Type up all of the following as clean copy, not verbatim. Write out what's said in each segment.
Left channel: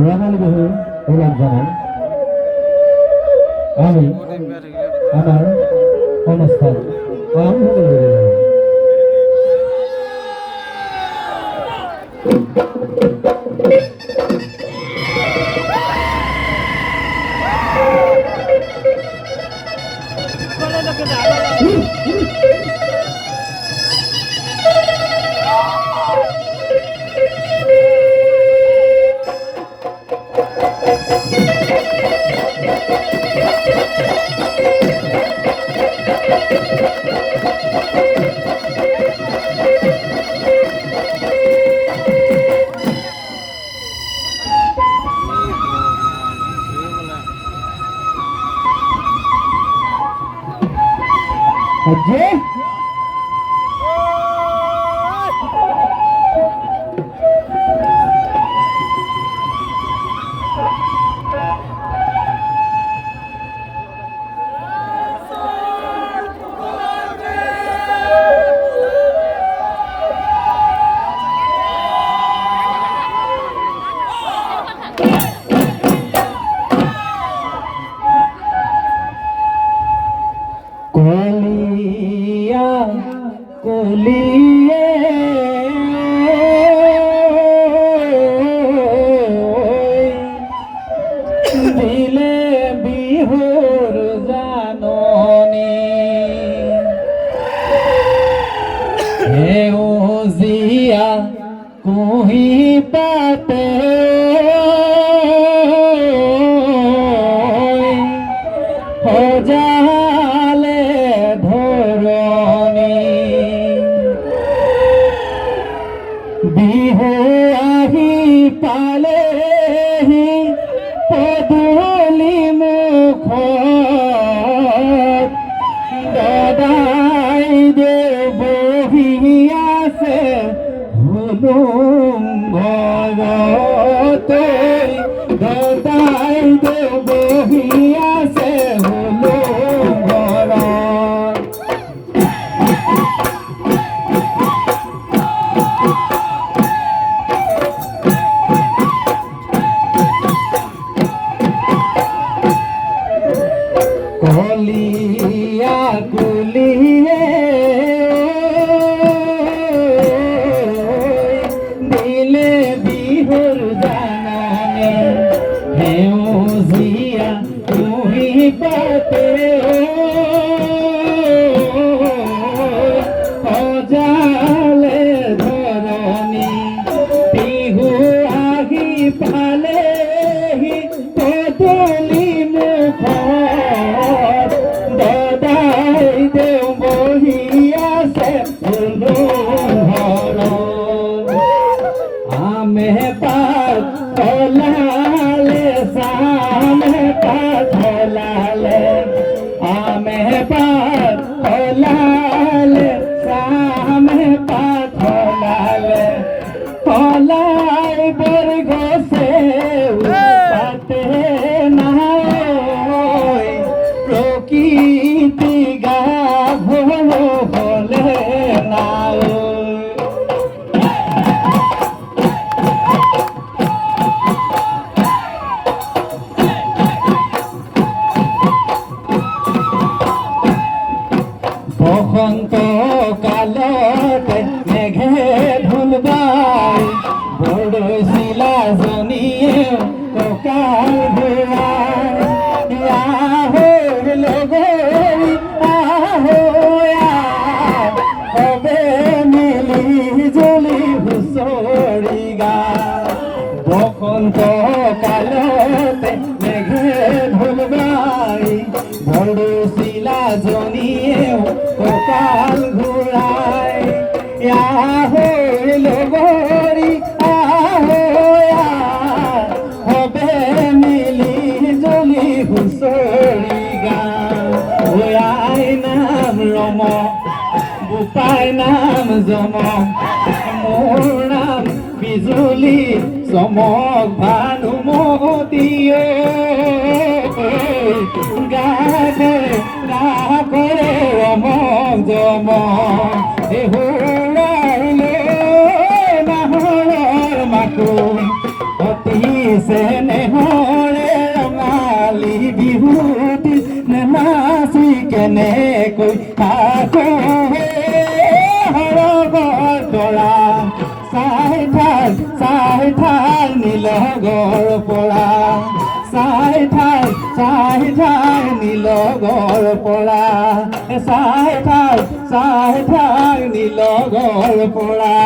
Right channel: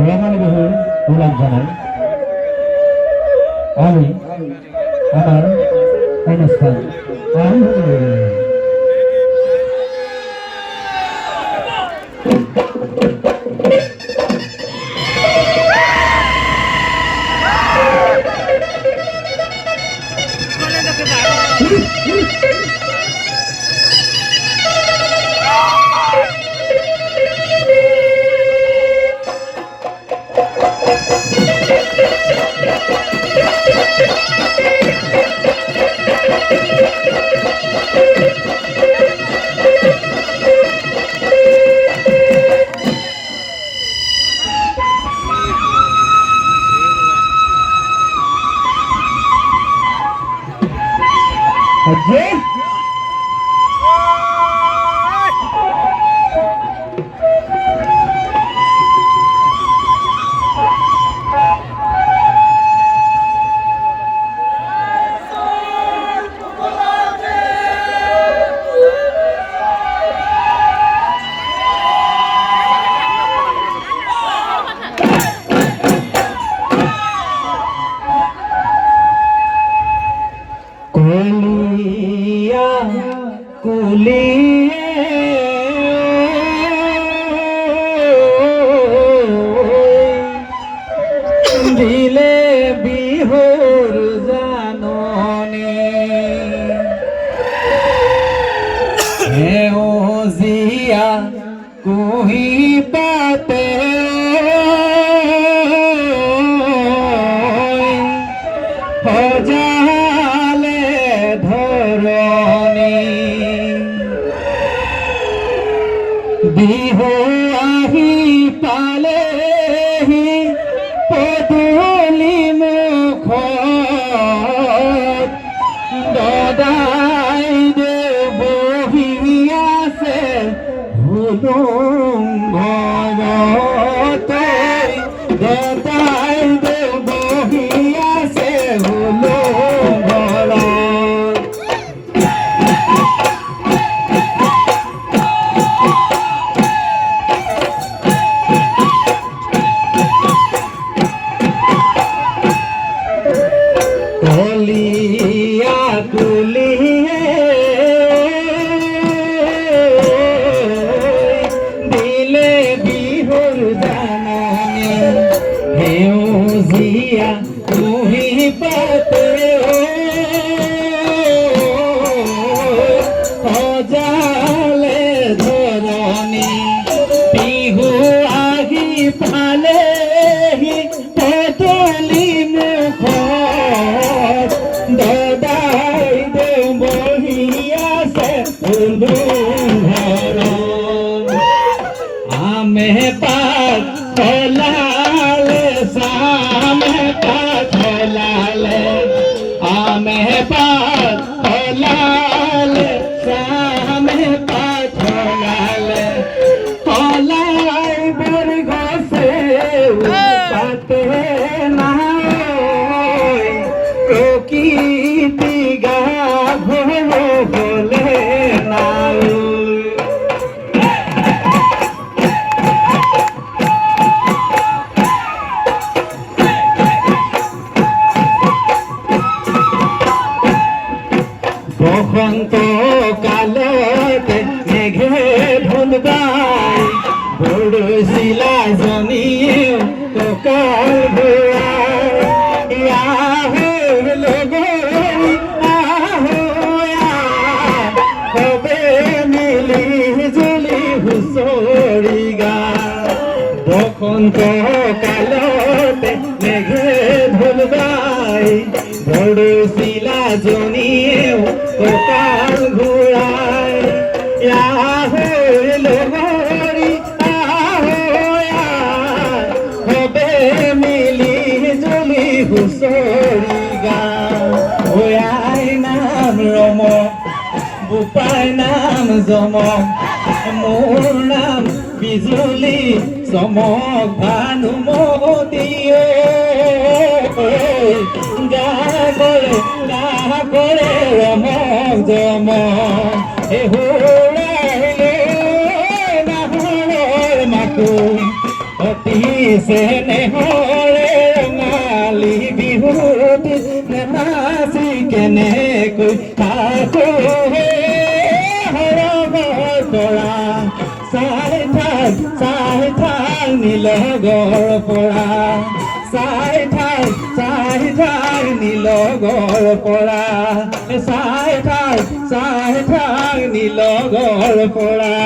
রহণ বহুর গোলাপ জানাই আমি আমার অনুষ্ঠান আরম্ভ করে দিলাম। কলিয়া কলিয়ে দিলে বিহুর জাননী সেউজীয়া কুহি পাতে সজালে ধৰণী বিহু আহি পালেহি পদূলি মুখত দদাই দেউ বহি আছে হুলুং ঘৰতে দদাই দেউ বহি আছে হুলুং ঘৰত কলিয়া কলিয়ে দিলে বিহুৰ জাননী সেউজীয়া কুহি পাতে সজালে ধৰণী বিহু আহি পালেহি পদূলি মুখত দদাই দেউ বহি আছে হুলুং ঘৰত আমে পাত ফলালে চামে পাত ফলালে আমে পাত ফলালে চামে পাত ফলালে ফলাই বৰ গছে পাতে নাই প্ৰকৃতি গাভৰু হলে নাই বসন্ত কালতে মেঘে ঢোল গাই বৰচিলা জনীয়ে কঁকাল ঘূৰাই আহৈ লগৰী আহৈ সবে মিলি জুলি হুঁচৰি গায় বসন্ত কালতে মেঘে ঢোল গাই বৰচিলা জনীয়ে কঁকাল ঘূৰাই আহৈ লগৰী আহৈ সবে মিলি জুলি হুঁচৰি গায় আই নাম ৰম বোপাই নাম জমক মোৰ নাম বিজুলি চমক ভানুমতীয়ে গাবৰে ৰমক জমক এ হুৰাইলে নাহৰৰ মাকো চেনেহৰে ৰঙালী বিহুটি নাচি কেনেকৈ আকৌ হৰগৰ পৰা চাই থাক নীলগৰ পৰা চাই থাক নীলগৰ পৰা চাই থাক নীলগৰ পৰা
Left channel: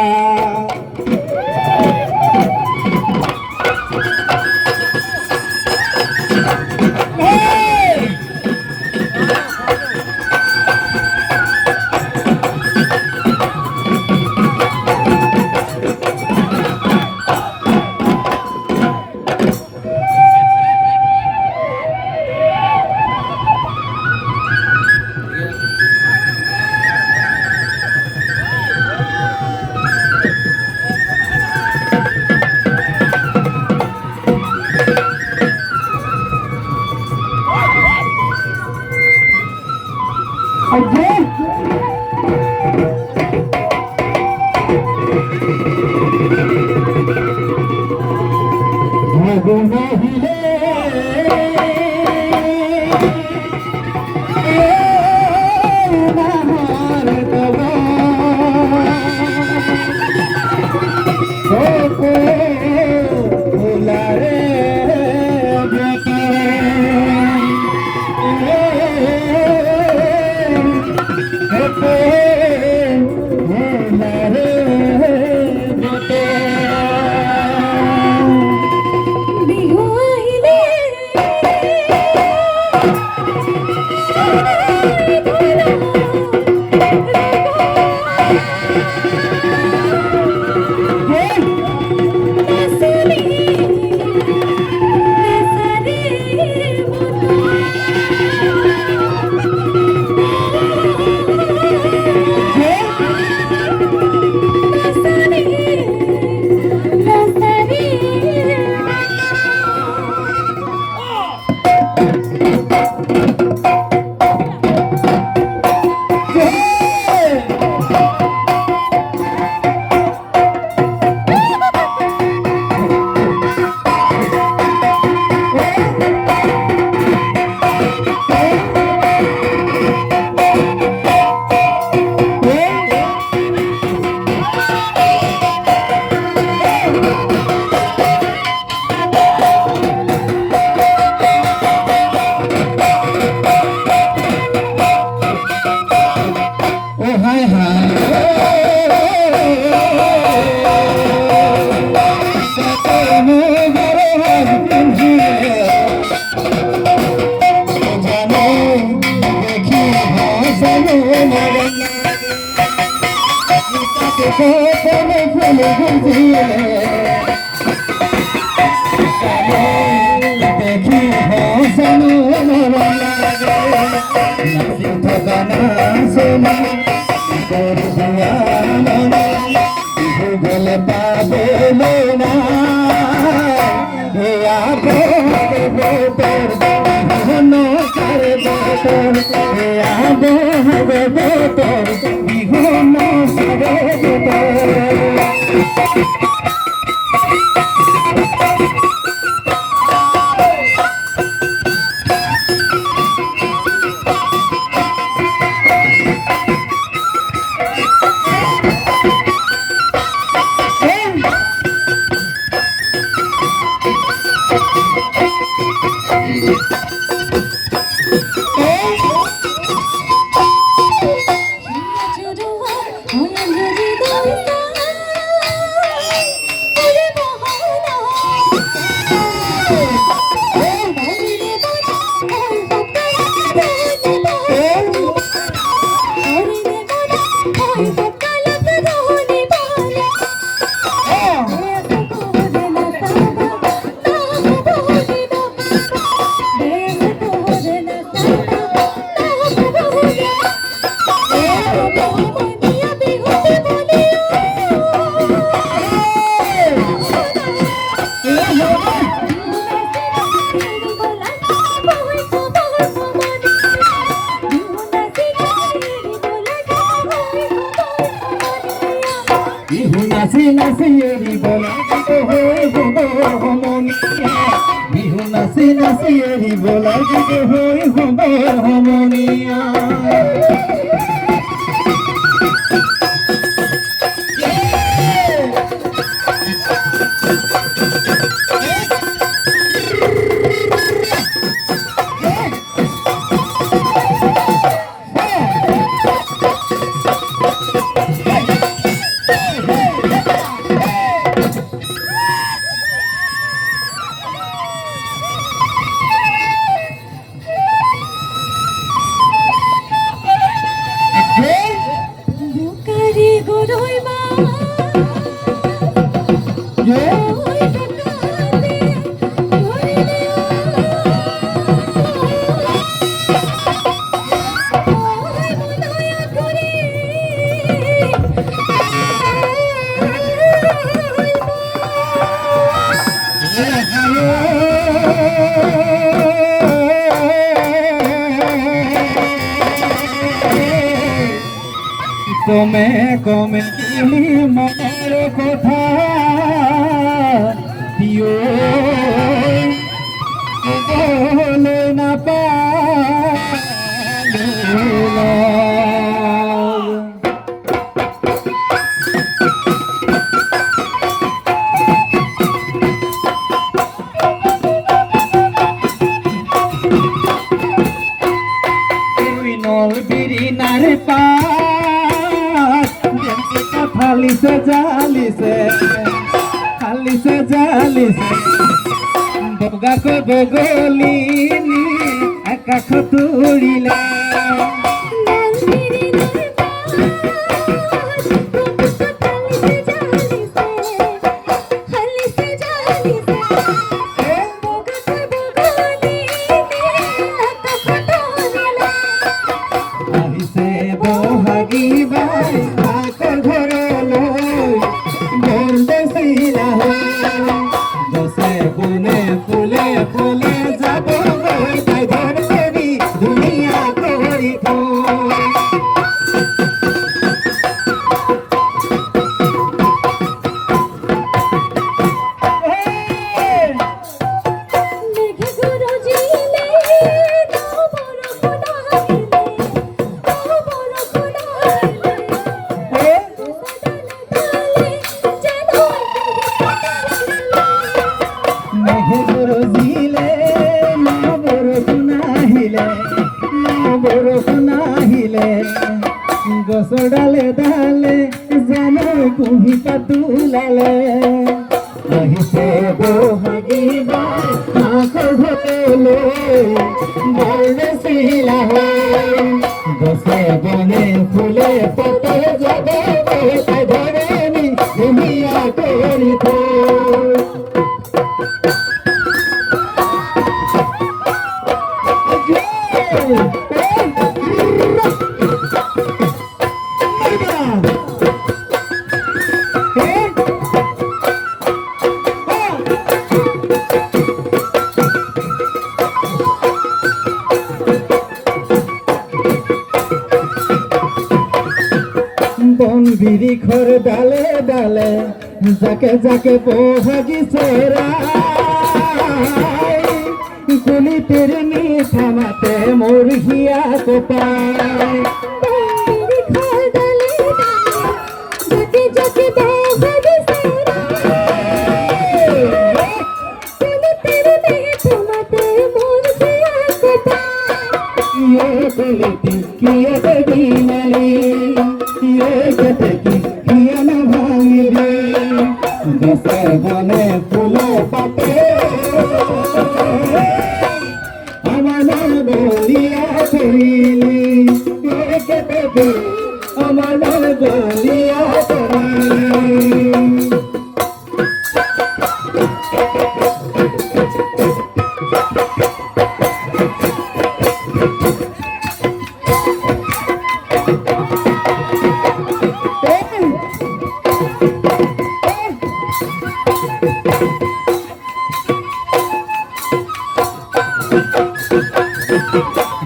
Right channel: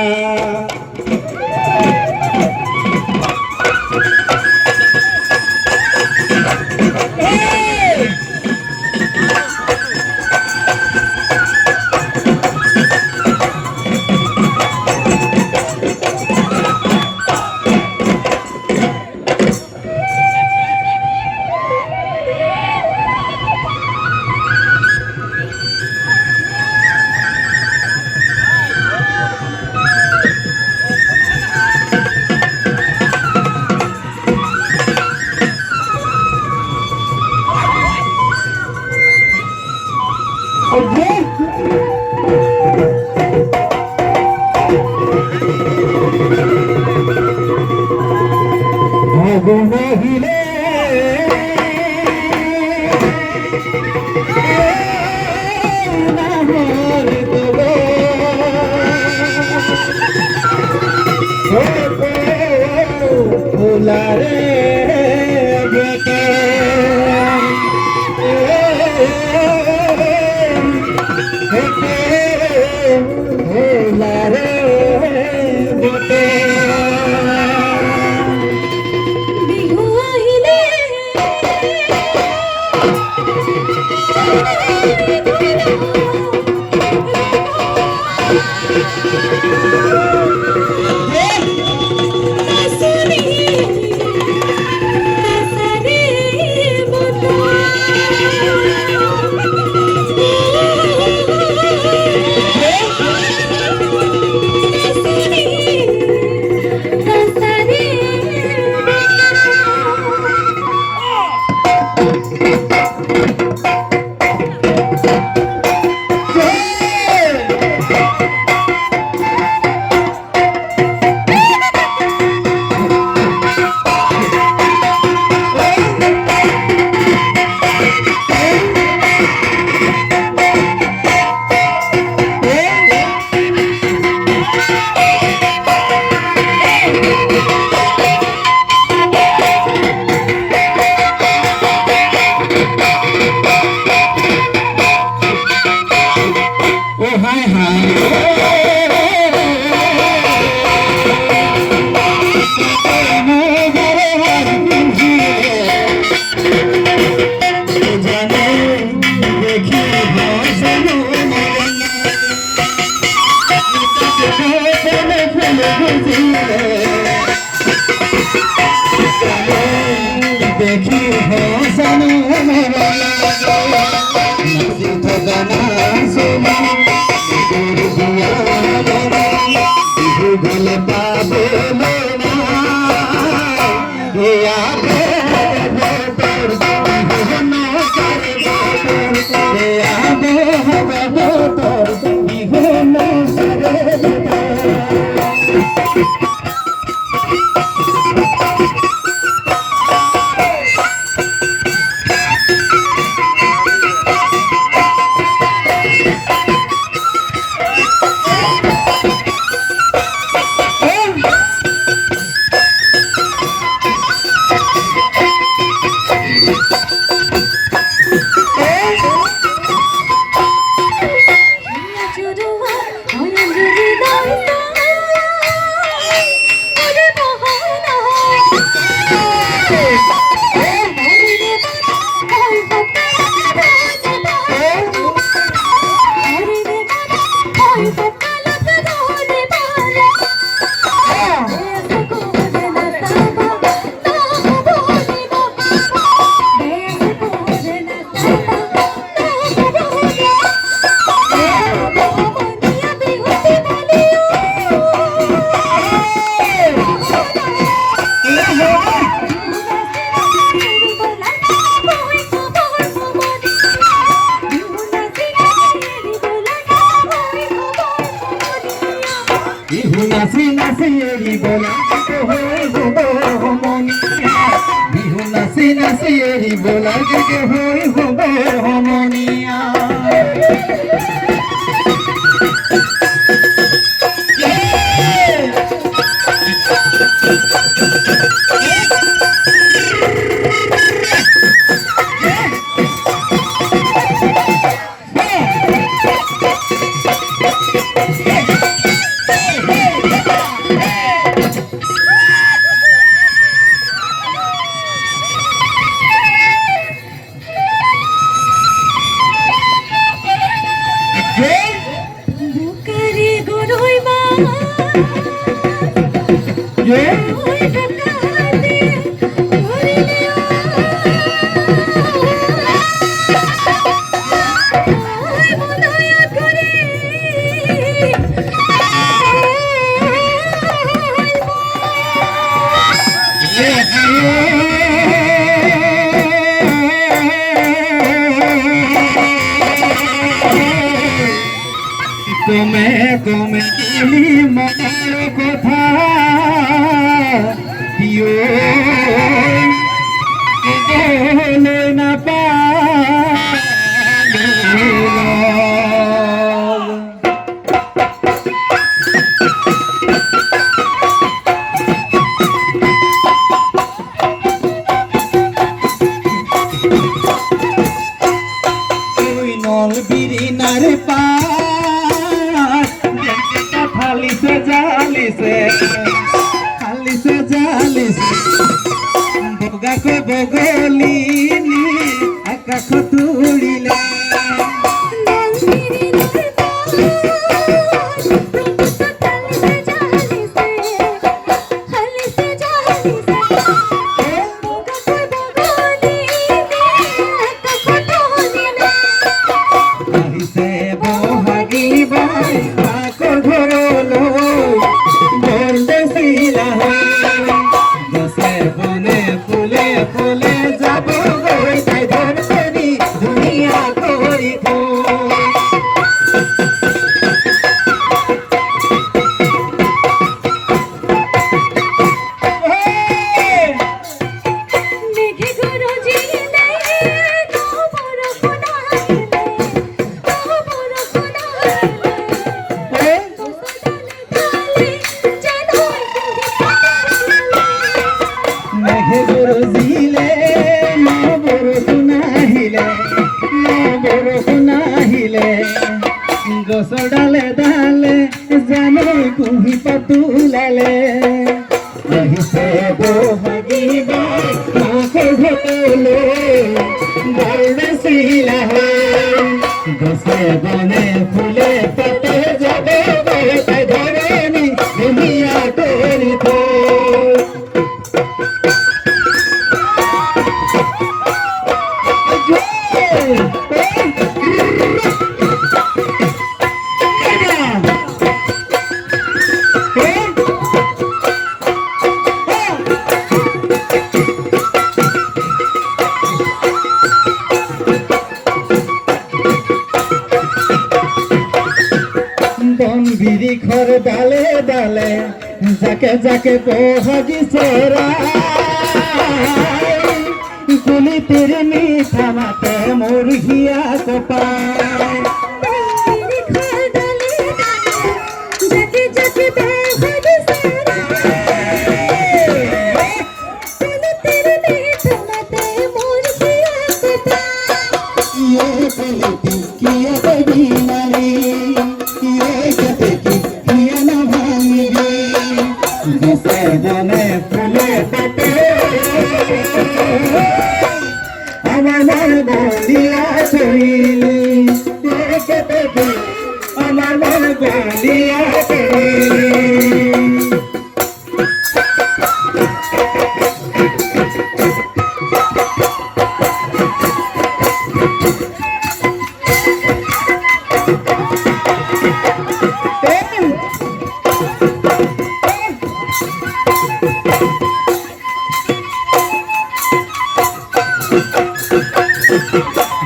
ফাগুন আহিলে নাগৰ কব ফুলাৰে বেটে ফুলাৰে বেটে দেখি হসানো নাচি থকা নাচনি বিহু গলে পাবলৈ না বিহু নচাৰে বিহু নচাৰে নাচি নাচি এৰিব লাগে হৈ হ'ব সমনীয়া কমে কমে দিলি মনৰ কথা পিও ক'বলৈ নাপালোঁ নল বিৰিণাৰ ফালিছে জালিছে ফালিছে জালিছে বগাকে বগলি আকাশত উৰিলে আহিছে বহাগী বাই মাকৰ ঘৰলৈ বৰ বেছিলা গছে বনে ফুলে ফুলে যাব গৈ তাই ধৰি ধুনীয়া কৰি বৰজিলে বৰষুণ আহিলে গছৰ ডালে ডালে জানে কুঁহি পাতোলালে আহিছে বহাগী বাই মাকৰ ঘৰলৈ বৰ বেছিলা গছে বনে ফুলে পাতে যাব তাই ধৰণী ধুনীয়া কৰি বন বিৰিখৰ ডালে ডালে জাকে জাকে বহাগী চৰাই কুলিটিৰ মিঠা মাতে মোৰ হিয়া কপাই বনে ফুলে পাতে আমার বলিয়া চলিলে আমার বলিয়া চলিলে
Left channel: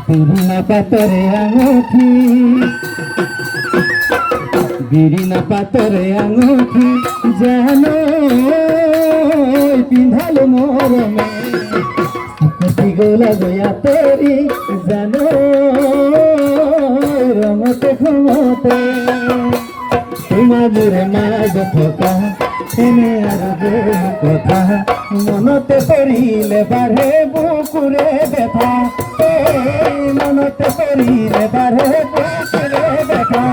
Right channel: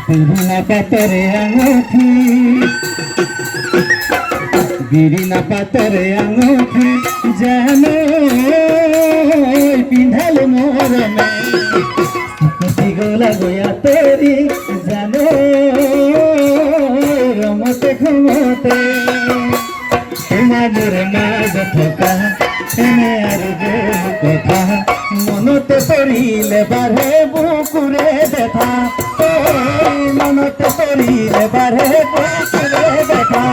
বিরিনা পাতরে আঙুঠি বিরিনা পাতরে আঙুঠি যেন পিন্ধালো মরমে কতি গোলা গয়া তোরি জানো রমতে ক্ষমতে তোমাদের মাঝ থকা এনে আর কথা মনতে পড়িলে বারে বুকুরে ব্যথা মনতে পড়িলে বারে বুকুরে ব্যথা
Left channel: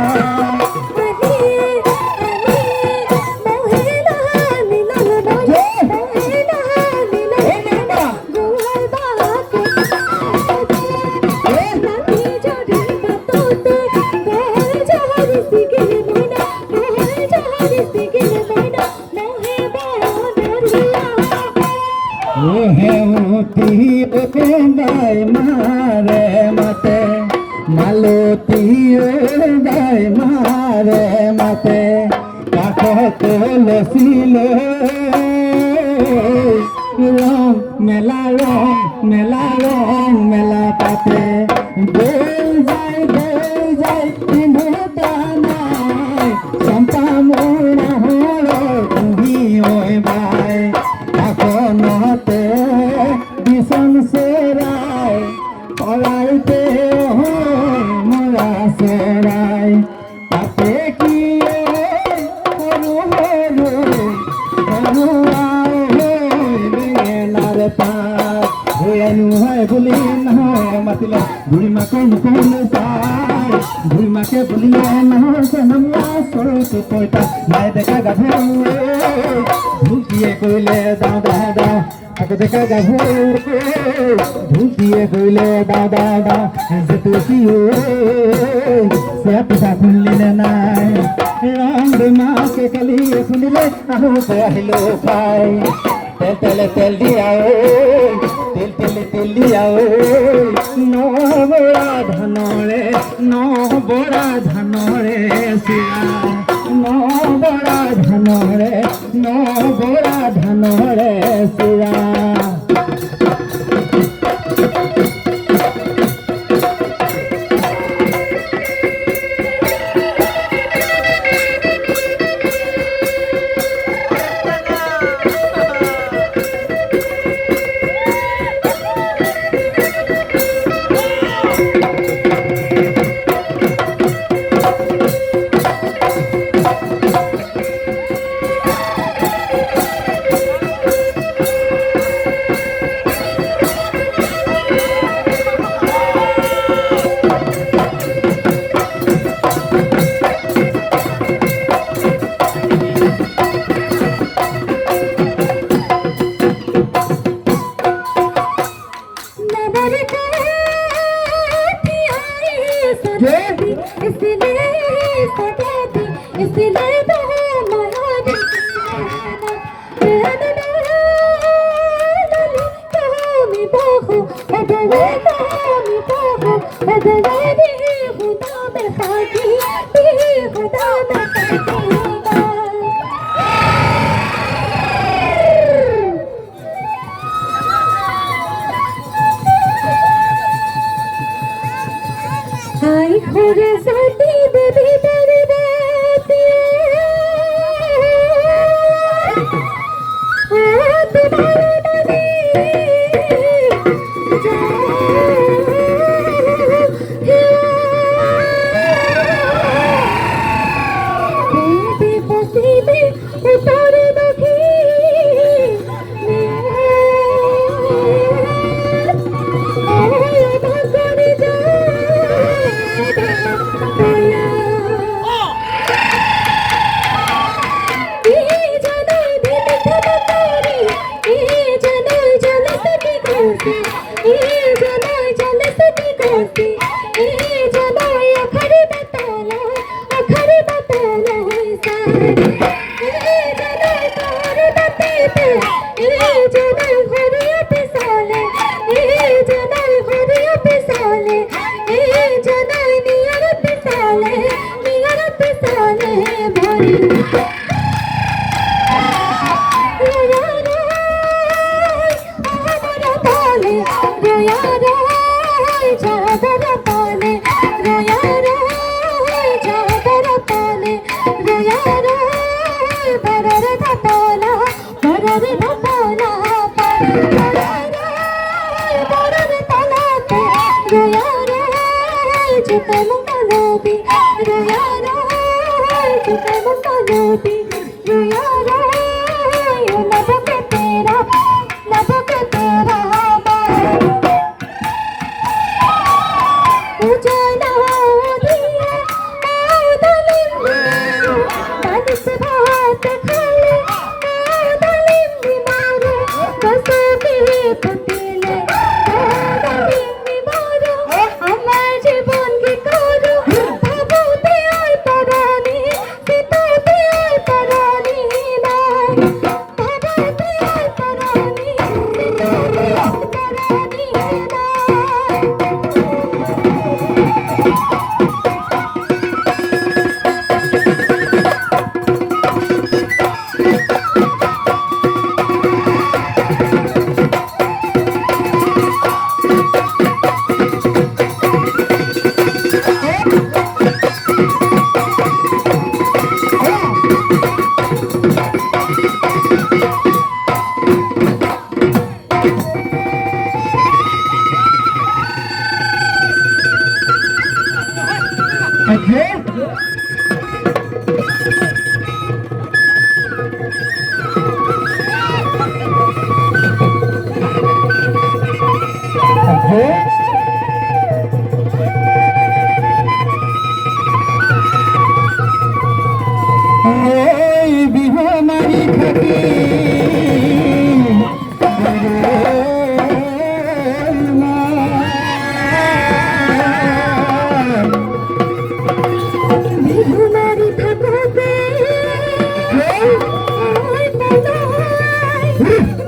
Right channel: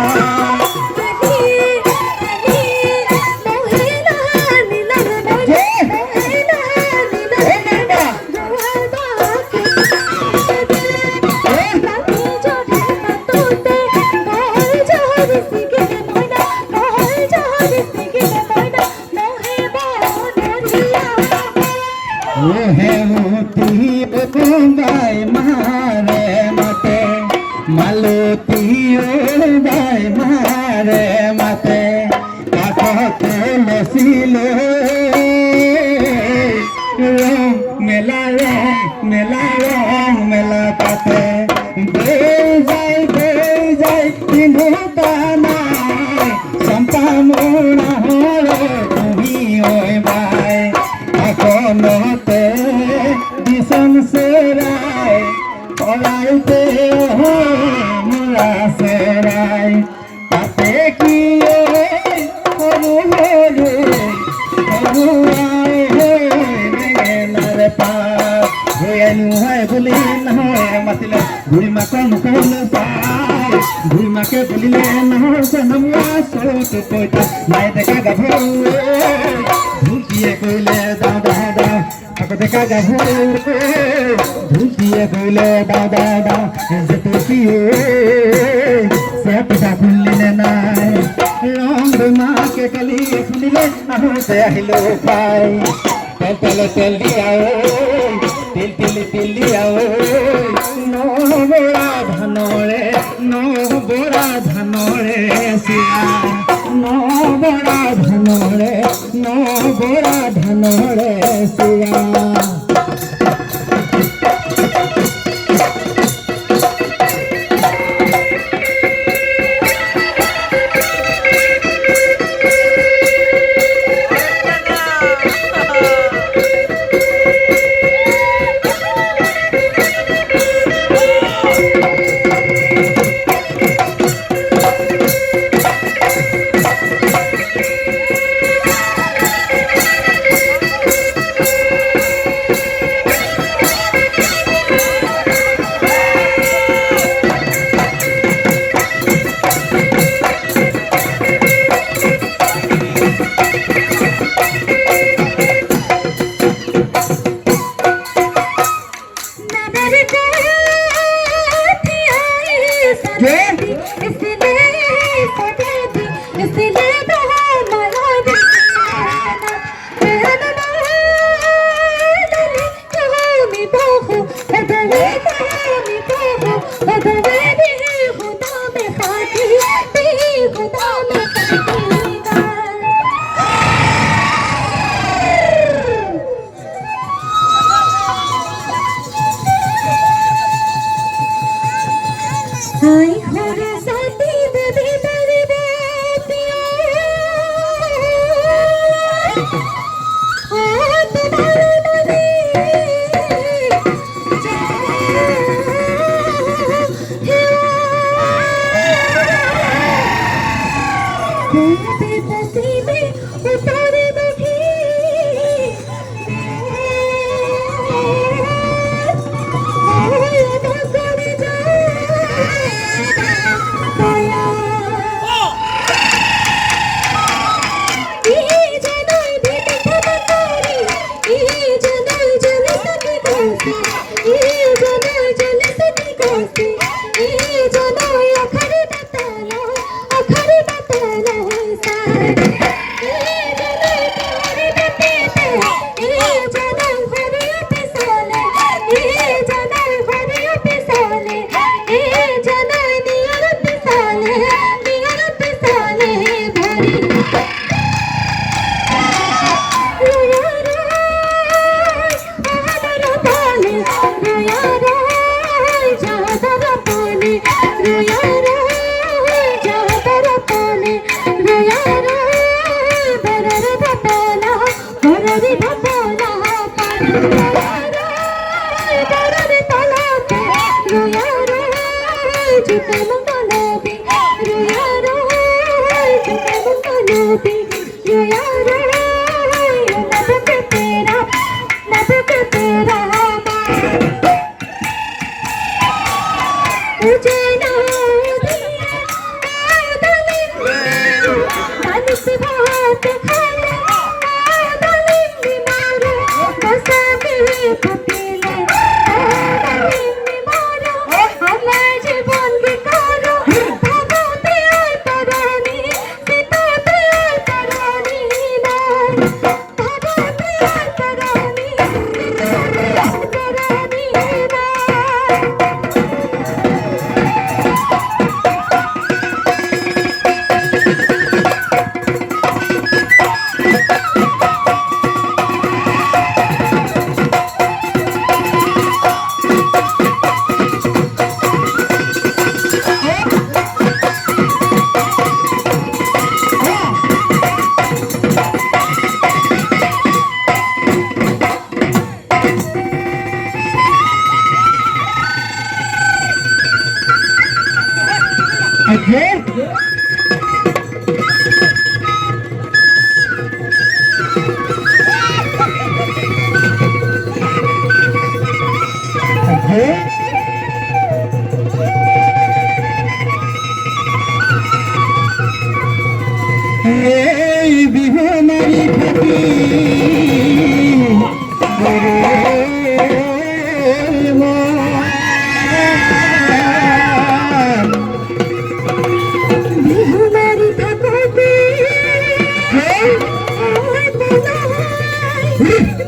বাই মারে মাতে মালতী বাই মারে মাতে কাকতে লসিল মেলা মেলা পাতে যাই চিন্তা নাই চম্পা মোড়া হলে তুমি ওই বাই এখনতে দিশন সেরাই পলাইতে মোরা সেরাই তাতে কি সরু মেলার পার হইয়ানু হয় বলি নহয় মাতিলে বুঢ়ী মাকৰ মুখলৈ চাই বুঢ়ী মাকে বুলিলে নহয় চেহনীয়া চৰুটো পইতা নাই ডেকা গাভৰু ঢুলকিয়ে কৰিলে দাও আকৌ ডেকা গাভৰু ঢুলকিয়ে কৰিলে দাও যেটো কি চেপটা খুলিলে নাই ৰং মাকে কালি খুলিলে আহোঁতে আহিলো পাই তেল দিয়া তেল দিয়া নবৰা ধানৰে চিৰা নবৰা ধানৰে চিৰা Ay, corazón, dime,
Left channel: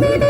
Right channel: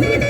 Thank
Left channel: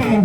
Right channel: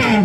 you.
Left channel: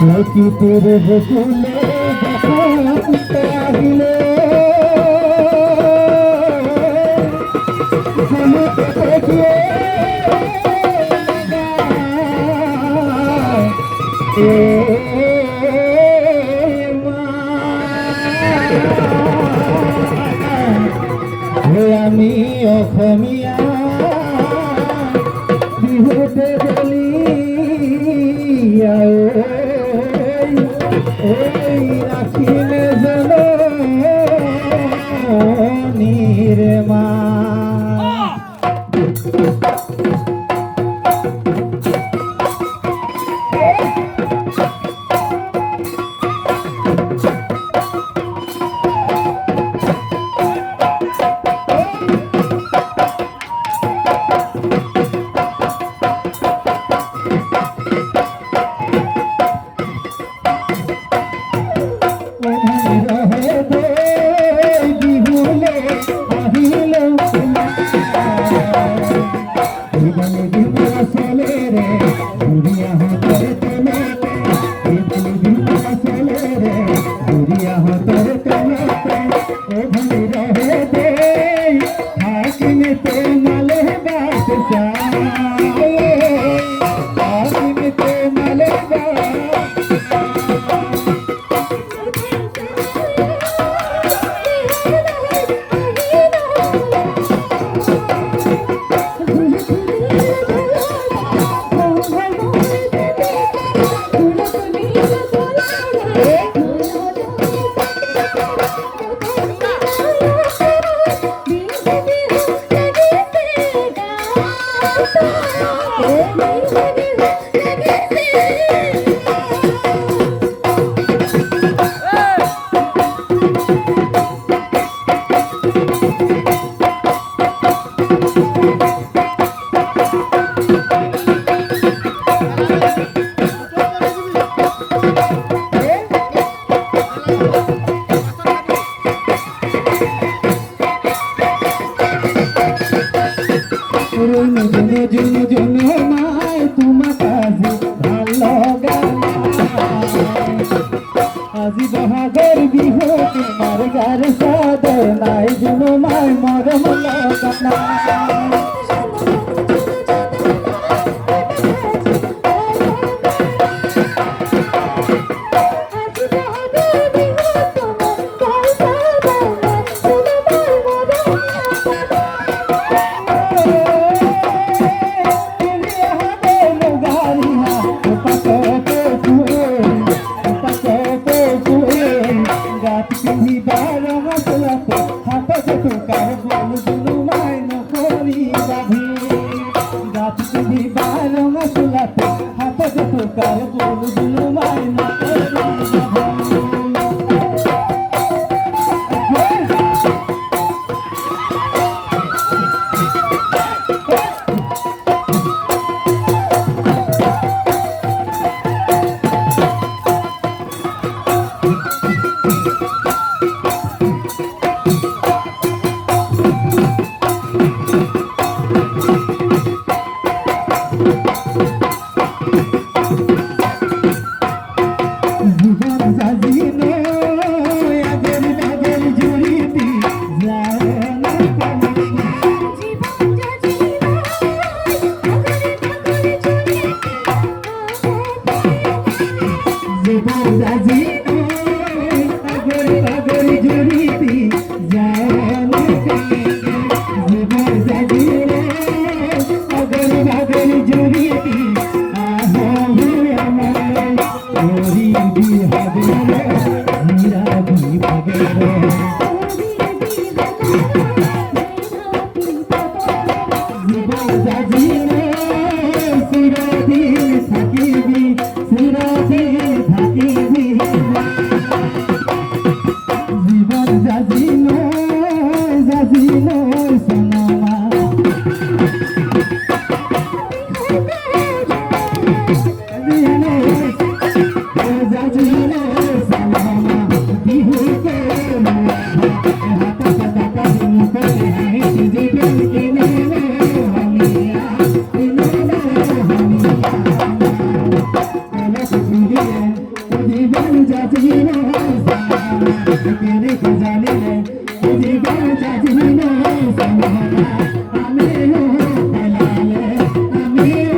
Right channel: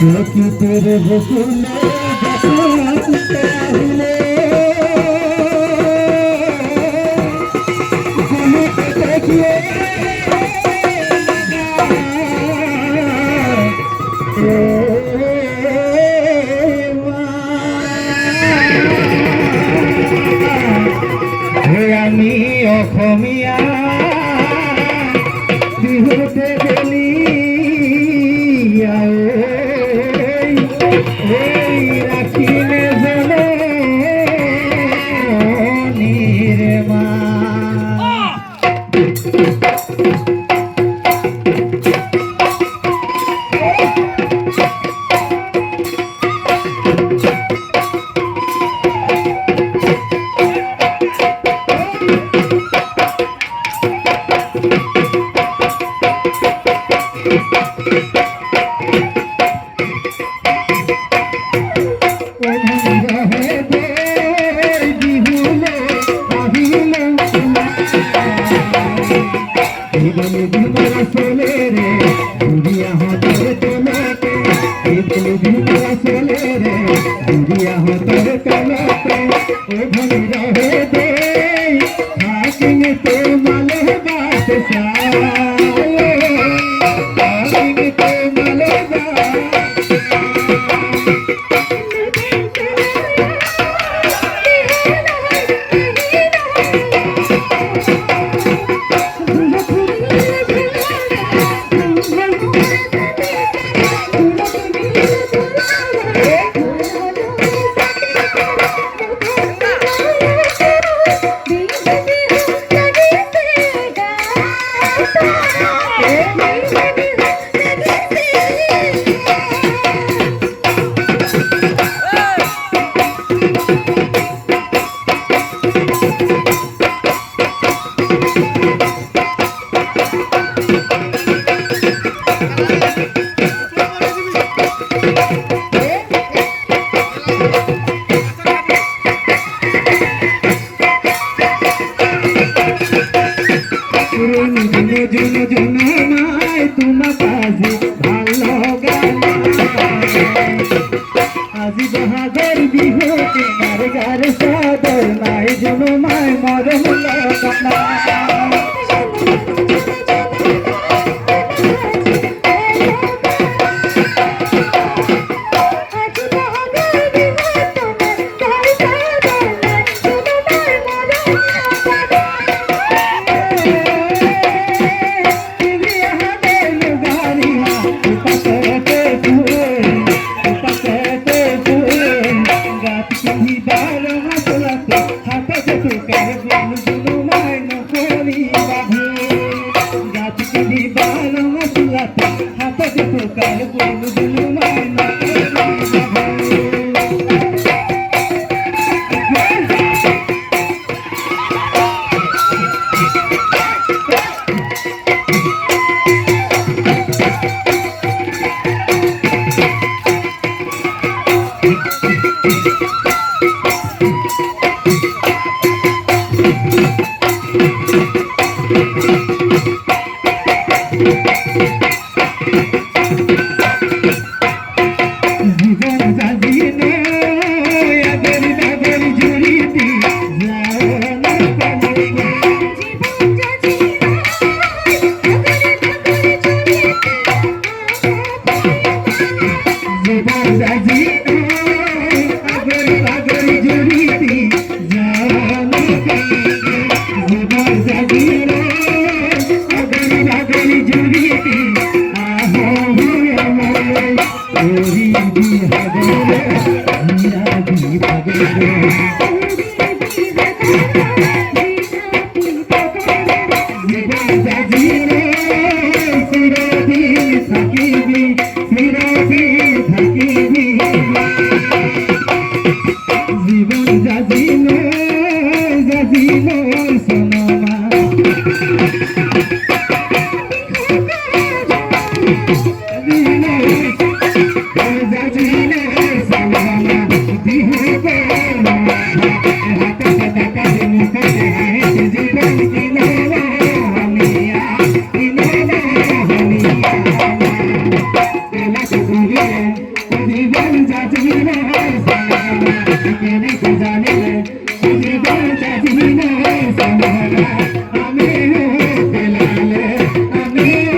প্রকৃতির বকুলে চাহিলে গুলিতে দেখিয়ে আমি অসমীয়া বিহুতে গেলি রাখিলে জলে নির্মা আজি বহাগৰ বিহু তোমাৰ গাৰ চাদৰ নাই জানো মাই মৰম লগা Thank you. মেরে জানে সুধি বাজাজিনে সামহারা আমিও পেলালে কলি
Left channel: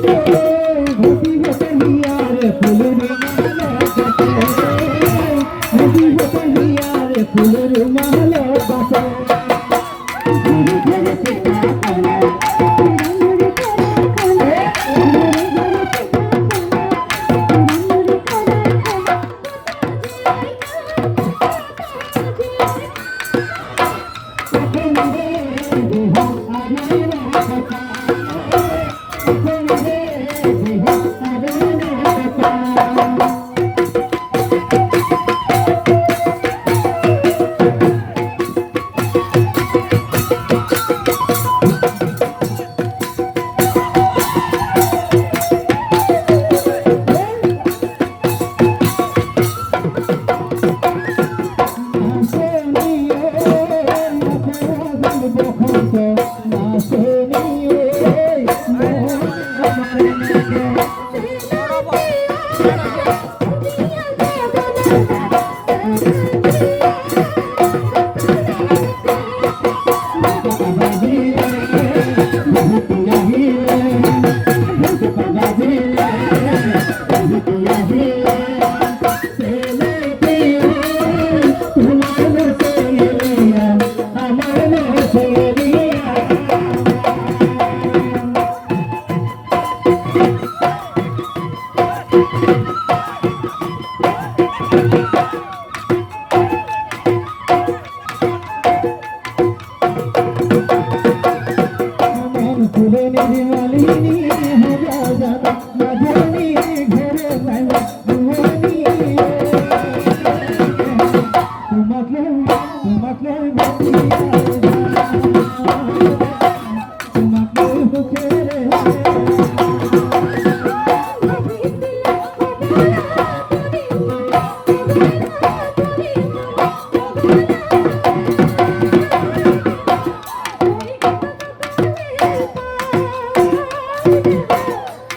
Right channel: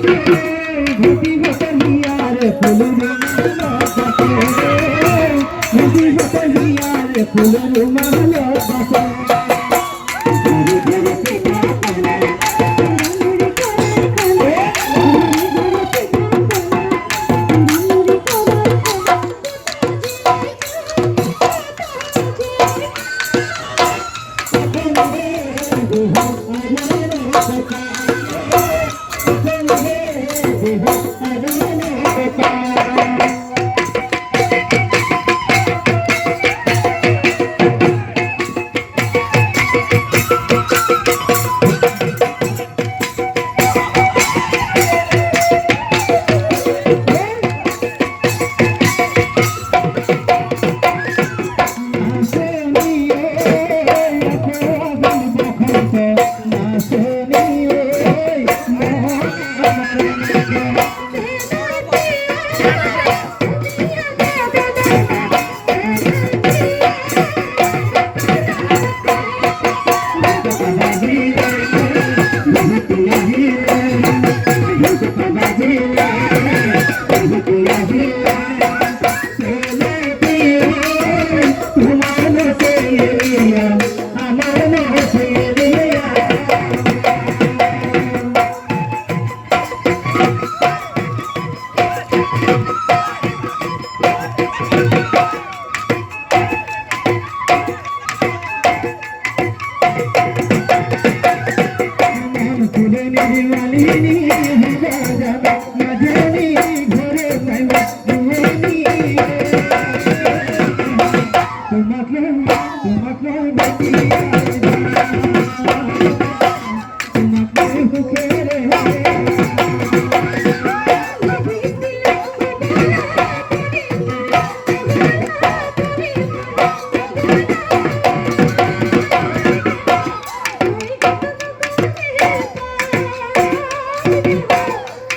ঘটি হতলিয়ার ফুলের মালা ঘটি হতলিয়ার ফুলের মালা বাসা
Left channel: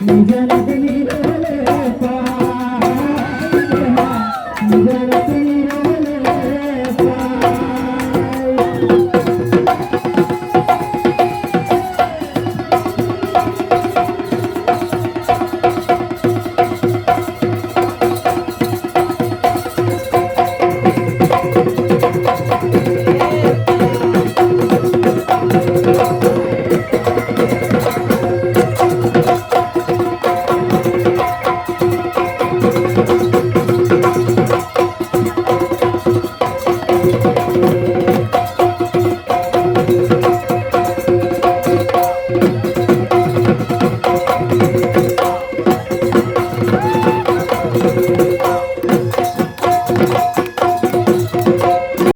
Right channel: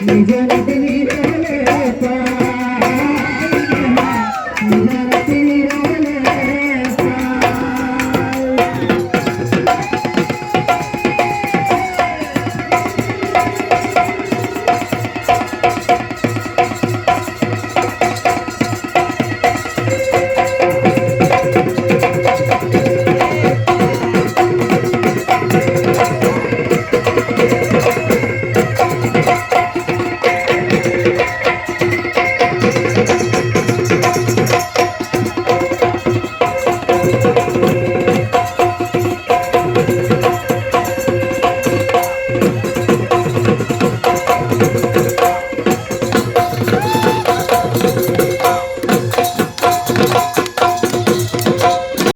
নিজের